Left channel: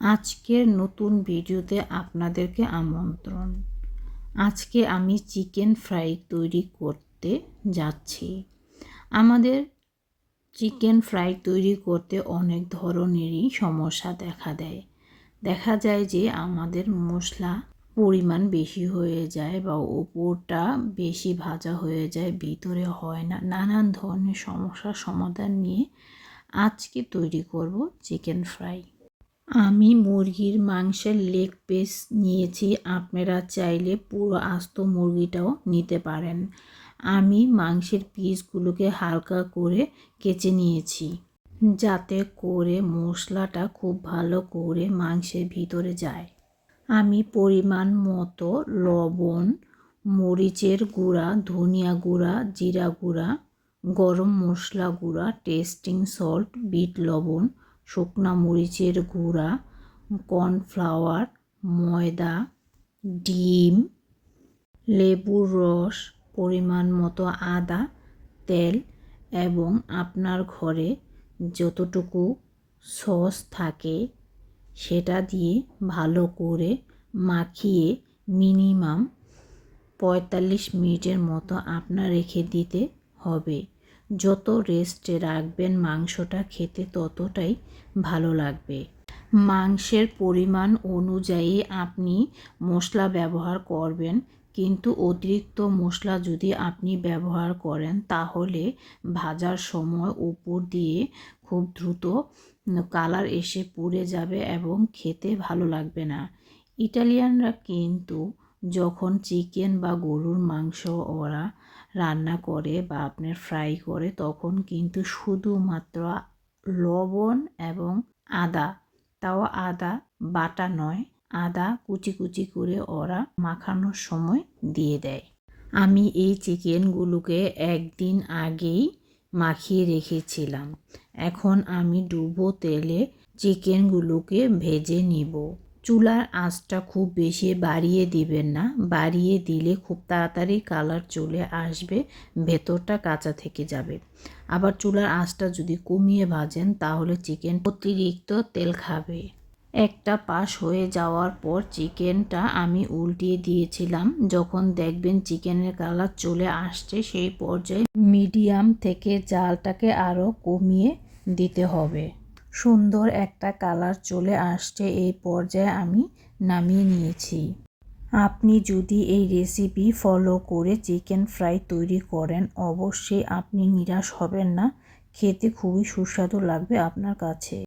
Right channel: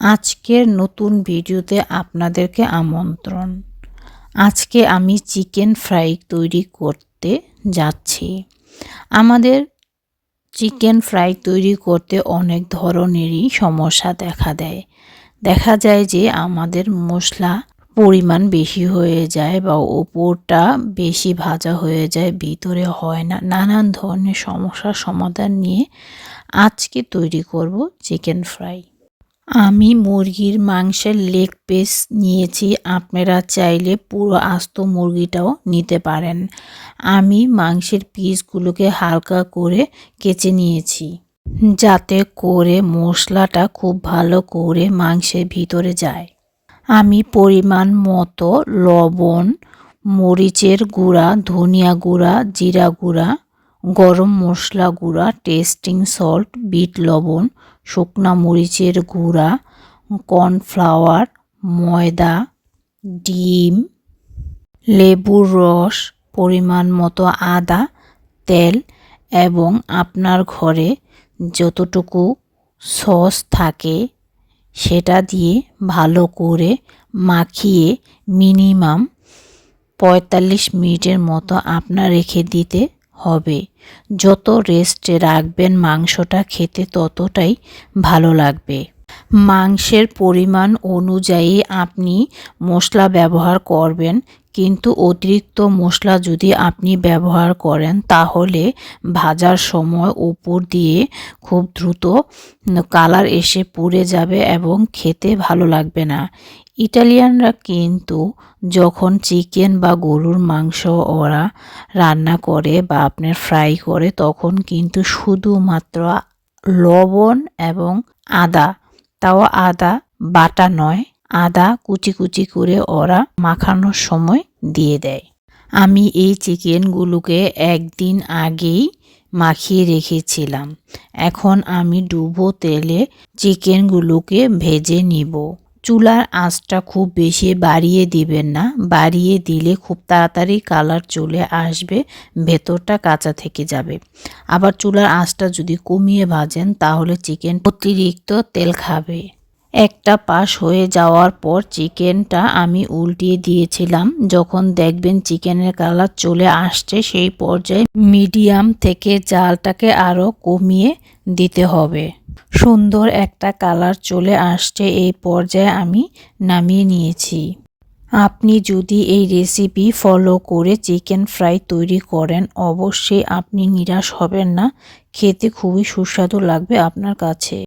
আজকের নতুন ভিডিওতে আপনাদেরকে আমন্ত্রণ। আজকে আমি চিকেন ফ্রাই তৈরি করতে যাচ্ছি। আমাদের চিকেন ফ্রাই তৈরি করতে অনেক ধরনেরই সমস্যা দেখা দেয়। দেখা যায় যে আমাদের মশলা পরিমাণ বেশি হয়ে যায় বা ওপরটা বেশি ভাজা হয়ে যায়, ভিতরে হয় না। নানান ধরনের সমস্যার সমাধান নিয়ে আজকে তৈরি করব চিকেন ফ্রাই। আমি মুরগির মাংসের লেগ পিস নিয়েছি, আপনারা চাইলে পুরো আস্ত মুরগিটাও নিতে পারেন। আমি মাংসের পিসগুলোকে হালকা করে কেচে নিয়েছি। যাতে করে মশলাটা খুব ভালো করে মাংসের ভিতরে যায়। আমি পরিমাণ মতো লবণ, মরিচের গুঁড়া, ধনিয়া গুঁড়া, জিরা গুঁড়া, গরম মশলা গুঁড়া, টেস্টিং সল্ট, বিট লবণ শুকনা মরিচের গুঁড়া, কর্নফ্লাওয়ার, ময়দা, ডিম, লেবুর রস, পরিমাণ মতো আদা, তেল এবং আপনার ঘরে যতটুকু সস থাকে সেটা দিয়ে ভালো করে মাখিয়ে মিনিমাম পঁয়তাল্লিশ মিনিটের মতো আপনার রেখে দিতে হবে। যত রেস্টে রাখবেন মাংসটা খেতে ততটাই ভালো লাগবে। মাংসের পরিমাণ অনুযায়ী আপনি মশলা ব্যবহার করবেন। কিন্তু অতিরিক্ত মশলা যদি আপনি ব্যবহার করেন, তাহলে ভাজার সময় উপর দিয়ে খুব দ্রুত কালার এসে পুড়ে যাবে এবং খেতে ভালো লাগবে না। ইটালিয়ানরা কিন্তু যখন চিকেন বা গরুর মাংস ওরা রান্না করে বা আপনার ফ্রাই করে, তখন কিন্তু শুধুমাত্র লবণ এবং আদা তাও আদা বাটা নয়, আদা কুচি কুচি করে ওরা মাখানোর সময় দিয়ে দেয়। আমি এই চিকেনগুলোকে একদিন আগেই মাখিয়ে রেখেছিলাম। এখন আমি ডুবো তেলে চিকেনগুলোকে ভেজে নিব। চুলার আঁচটা খুব বেশি বাড়িয়ে দিবেন না। বাড়িয়ে দিলে খুব তাড়াতাড়ি কালার চলে আসবে, ভেতরটা কাঁচা থেকে যাবে। আবার চুলার আঁচটা যদি কমিয়ে ভাজেন, তাহলে চিকেন অতিরিক্ত তেল খাবে। একটা পাশ হয়ে যাওয়ার পর চিকেনটা আমি উল্টিয়ে দিয়েছিলাম। যখন দেখবেন চিকেনের কালার চলে আসছে, সেই পর্যায়ে মিডিয়াম থেকে জালটাকে আরও কমিয়ে দিতে হবে। সুন্দর একটা কালার চলে আসছে এই পর্যায়ে আমি নামিয়ে নিয়েছি। আপনি যদি এই রেসিপি ফলো করে চিকেন ফ্রাই তৈরি করেন, অবশ্যই আপনি নিরাশ হবেন না। খেতে খুবই সুস্বাদু লাগবে আপনার কাছে।